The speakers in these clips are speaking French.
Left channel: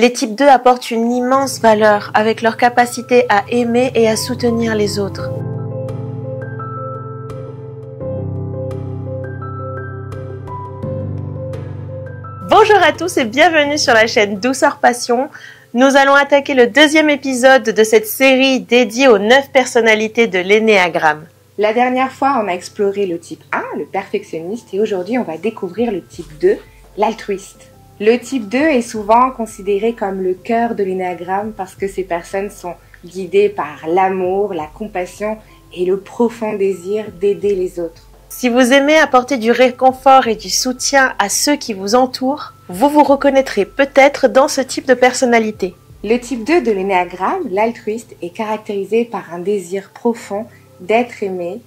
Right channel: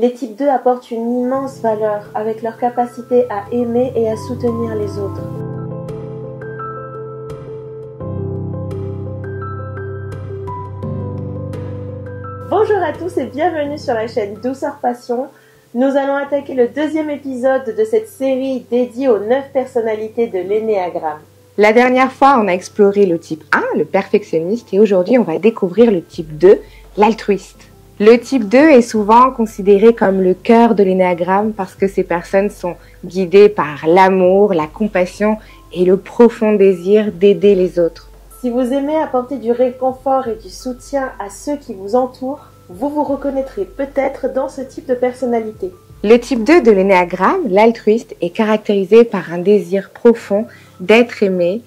Les types 2 apportent une immense valeur avec leur capacité à aimer et à soutenir les autres. Bonjour à tous et bienvenue sur la chaîne Douceur Passion. Nous allons attaquer le deuxième épisode de cette série dédiée aux 9 personnalités de l'énéagramme. La dernière fois, on a exploré le type 1, le perfectionniste, et aujourd'hui, on va découvrir le type 2, l'altruiste. Le type 2 est souvent considéré comme le cœur de l'énéagramme parce que ces personnes sont guidées par l'amour, la compassion et le profond désir d'aider les autres. Si vous aimez apporter du réconfort et du soutien à ceux qui vous entourent, vous vous reconnaîtrez peut-être dans ce type de personnalité. Le type 2 de l'énéagramme, l'altruiste, est caractérisé par un désir profond d'être aimé,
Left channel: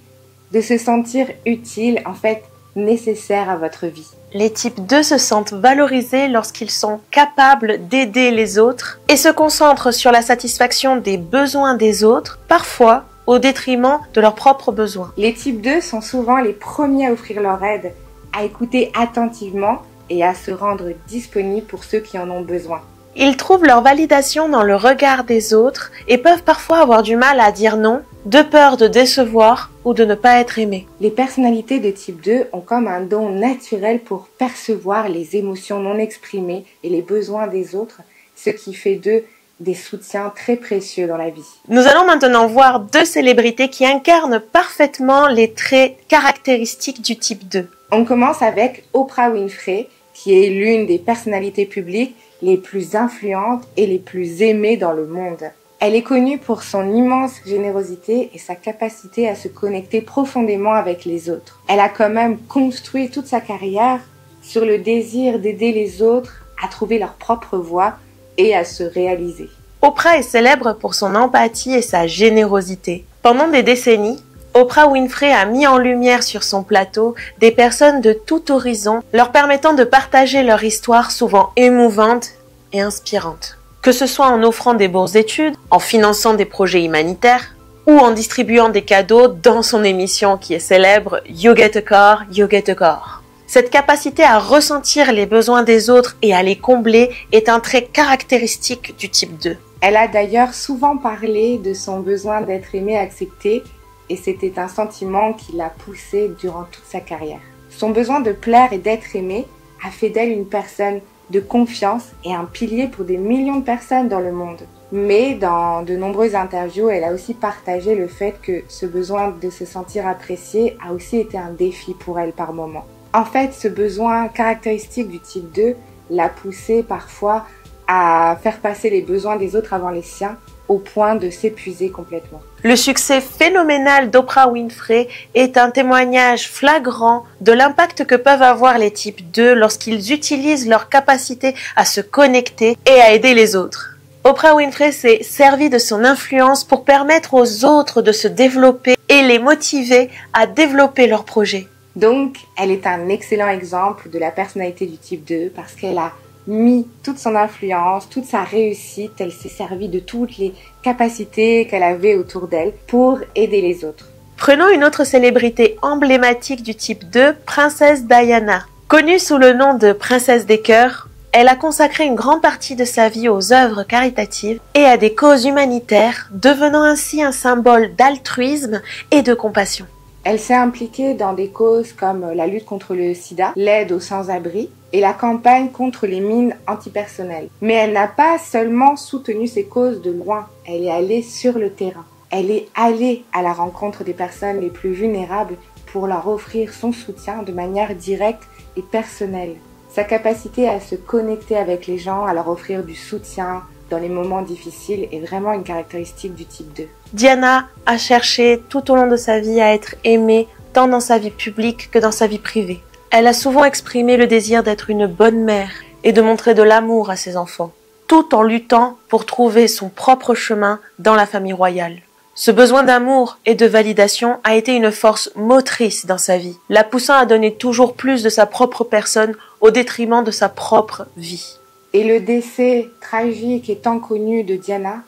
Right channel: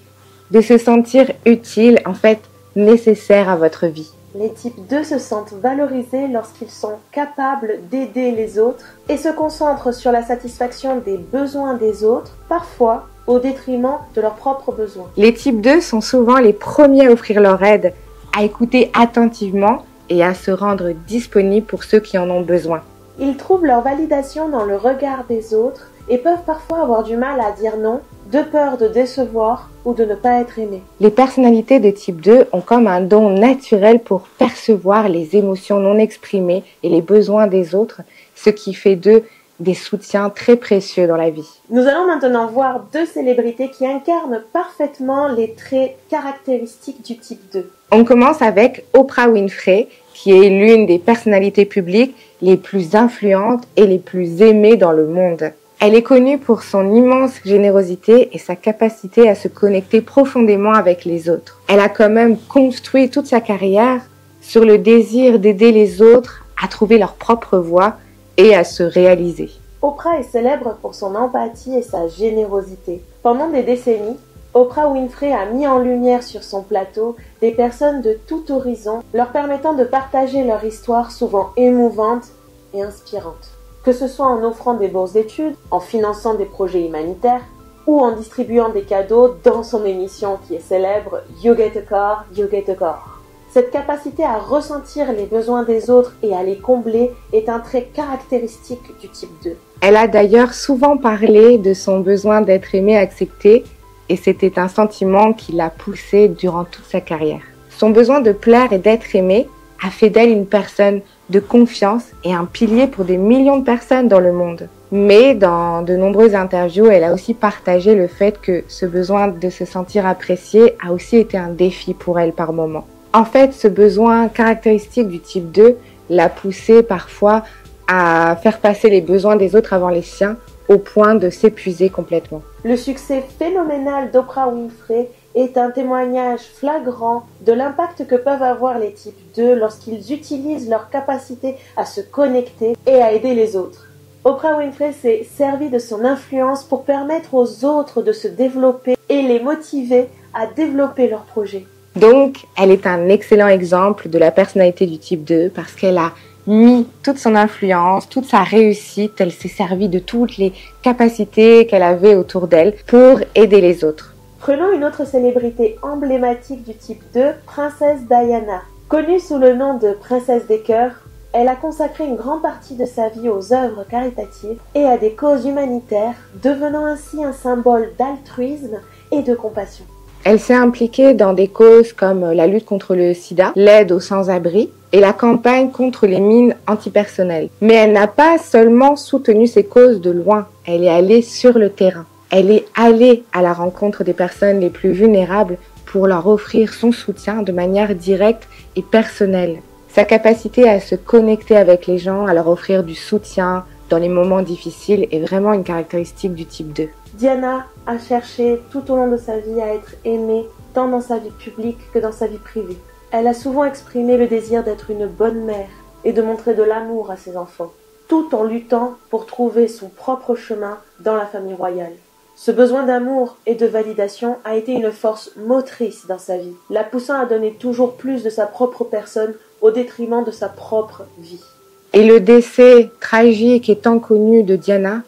de se sentir utile, en fait nécessaire à votre vie. Les types 2 se sentent valorisés lorsqu'ils sont capables d'aider les autres et se concentrent sur la satisfaction des besoins des autres, parfois au détriment de leurs propres besoins. Les types 2 sont souvent les premiers à offrir leur aide, à écouter attentivement et à se rendre disponibles pour ceux qui en ont besoin. Ils trouvent leur validation dans le regard des autres et peuvent parfois avoir du mal à dire non, de peur de décevoir ou de ne pas être aimés. Les personnalités de type 2 ont comme un don naturel pour percevoir les émotions non exprimées et les besoins des autres, ce qui fait d'eux des soutiens très précieux dans la vie. Nous allons maintenant voir 2 célébrités qui incarnent parfaitement les traits caractéristiques du type 2. On commence avec Oprah Winfrey, qui est l'une des personnalités publiques les plus influentes et les plus aimées dans le monde. Elle est connue pour son immense générosité et sa capacité à se connecter profondément avec les autres. Elle a quand même construit toute sa carrière sur le désir d'aider les autres à trouver leur propre voie et à se réaliser. Oprah est célèbre pour son empathie et sa générosité. Pendant des décennies, Oprah Winfrey a mis en lumière sur son plateau des personnes de tout horizon, leur permettant de partager leur histoire souvent émouvante et inspirante. Que ce soit en offrant des bourses d'études, en finançant des projets humanitaires ou en distribuant des cadeaux dans son émission qui est célèbre You Get a Car, You Get a Car. Cette capacité à ressentir les besoins des autres et à les combler est un trait caractéristique du type 2. Elle a d'ailleurs souvent parlé de son besoin d'être aimée et acceptée, et c'était un sentiment qui l'a poussée durant toute sa carrière. Son besoin de plaire et d'être aimée a fait d'elle une personne de confiance et un pilier pour des millions de personnes dans le monde. Mais dans de nombreuses interviews, elle a aussi partagé le fait que ce besoin de se sentir appréciée a aussi été un défi pour elle par moments. En fait, ce besoin caractéristique du type 2 l'a poussée parfois à faire passer les besoins des autres avant les siens, au point de s'épuiser complètement. Le succès phénoménal d'Oprah Winfrey est un témoignage flagrant de l'impact que peuvent avoir les types 2 lorsqu'ils utilisent leur capacité à se connecter et à aider les autres. Oprah Winfrey s'est servie de son influence pour permettre aux autres de se développer et les motiver à développer leurs projets. Donc, elle est un excellent exemple de la personnalité du type 2 parce qu'elle a mis toute son influence, toute sa réussite, elle s'est servie de toutes les capacités qu'elle avait autour d'elle pour aider les autres. Prenons une autre célébrité emblématique du type 2, Princesse Diana. Connue sous le nom de Princesse des Cœurs, elle a consacré une grande partie de sa vie aux œuvres caritatives et à des causes humanitaires, devenant ainsi un symbole d'altruisme et de compassion. Elle s'est impliquée dans des causes comme la lutte contre le sida, l'aide aux sans-abri et la campagne contre les mines antipersonnelles. Mais elle n'a pas seulement soutenu ces causes de loin, elle est allée sur le terrain. Elle est allée à la rencontre des personnes les plus vulnérables pour leur offrir son soutien de manière directe et personnelle. Sa capacité à se connecter avec les gens, à leur offrir du soutien dans les moments difficiles est vraiment une caractéristique du type 2. Diana a cherché tout au long de sa vie à être aimée, tant dans sa vie publique que dans sa vie privée. Elle a souvent exprimé le désir d'être une bonne mère et de montrer de l'amour à ses enfants, tout en luttant pour trouver son propre chemin dans la famille royale. Ce besoin d'amour et de validation a été une force motrice dans sa vie, la poussant à donner toujours plus de sa propre personne au détriment de sa propre vie. Et le décès tragique et tant connu de Diana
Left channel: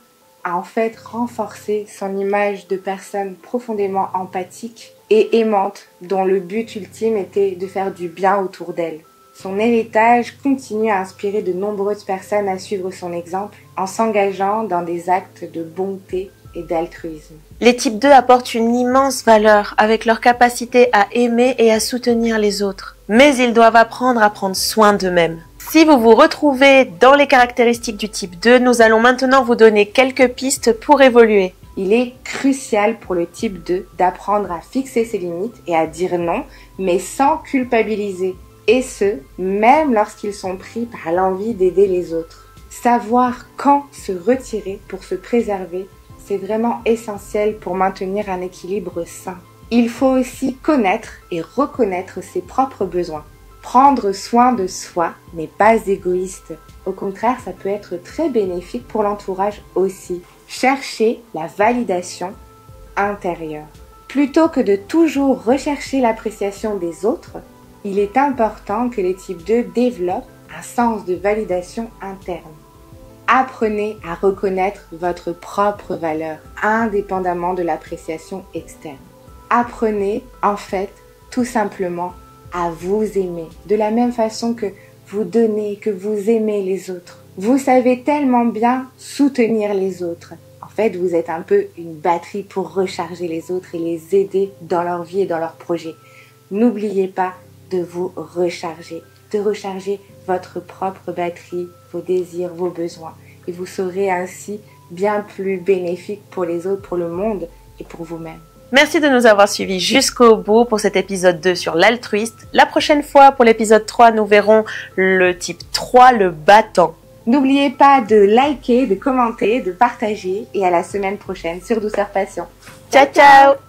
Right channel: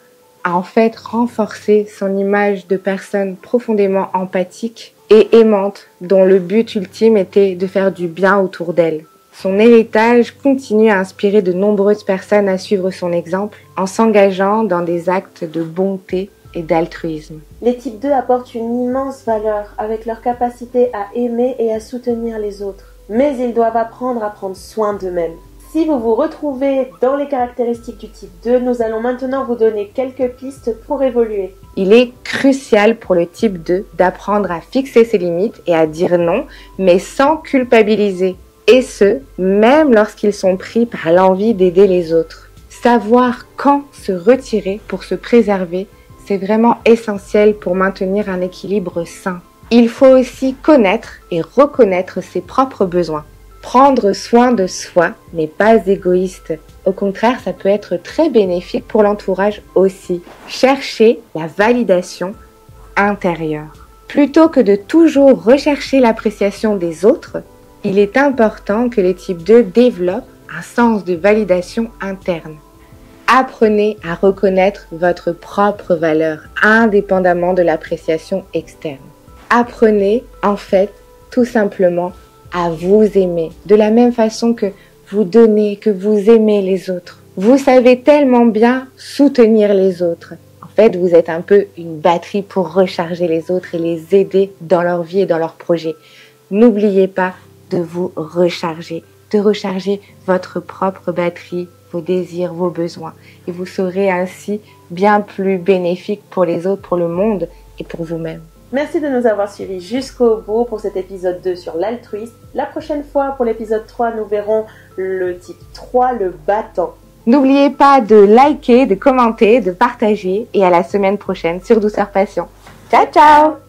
a en fait renforcé son image de personne profondément empathique et aimante, dont le but ultime était de faire du bien autour d'elle. Son héritage continue à inspirer de nombreuses personnes à suivre son exemple en s'engageant dans des actes de bonté et d'altruisme. Les types 2 apportent une immense valeur avec leur capacité à aimer et à soutenir les autres. Mais ils doivent apprendre à prendre soin d'eux-mêmes. Si vous vous retrouvez dans les caractéristiques du type 2, nous allons maintenant vous donner quelques pistes pour évoluer. Il est crucial pour le type 2 d'apprendre à fixer ses limites et à dire non, mais sans culpabiliser. Et ce, même lorsqu'ils sont pris par l'envie d'aider les autres. Savoir quand se retirer pour se préserver, c'est vraiment essentiel pour maintenir un équilibre sain. Il faut aussi connaître et reconnaître ses propres besoins. Prendre soin de soi n'est pas égoïste. Au contraire, ça peut être très bénéfique pour l'entourage aussi. Chercher la validation intérieure. Plutôt que de toujours rechercher l'appréciation des autres, il est important que les types 2 développent un sens de validation interne. Apprenez à reconnaître votre propre valeur, indépendamment de l'appréciation externe. Apprenez, en fait, tout simplement, à vous aimer, de la même façon que vous donnez, que vous aimez les autres. Vous savez tellement bien soutenir les autres. En fait, vous êtes un peu une batterie pour recharger les autres et les aider dans leur vie et dans leurs projets. N'oubliez pas de vous recharger, de recharger votre propre batterie, vos désirs, vos besoins. Et vous serez ainsi bien plus bénéfique pour les autres, pour le monde et pour vous-même. Merci de nous avoir suivis jusqu'au bout pour cet épisode 2 sur l'altruiste. La prochaine fois, pour l'épisode 3, nous verrons le type 3, le battant. N'oubliez pas de liker, de commenter, de partager et à la semaine prochaine sur Douceur Passion. Ciao, ciao!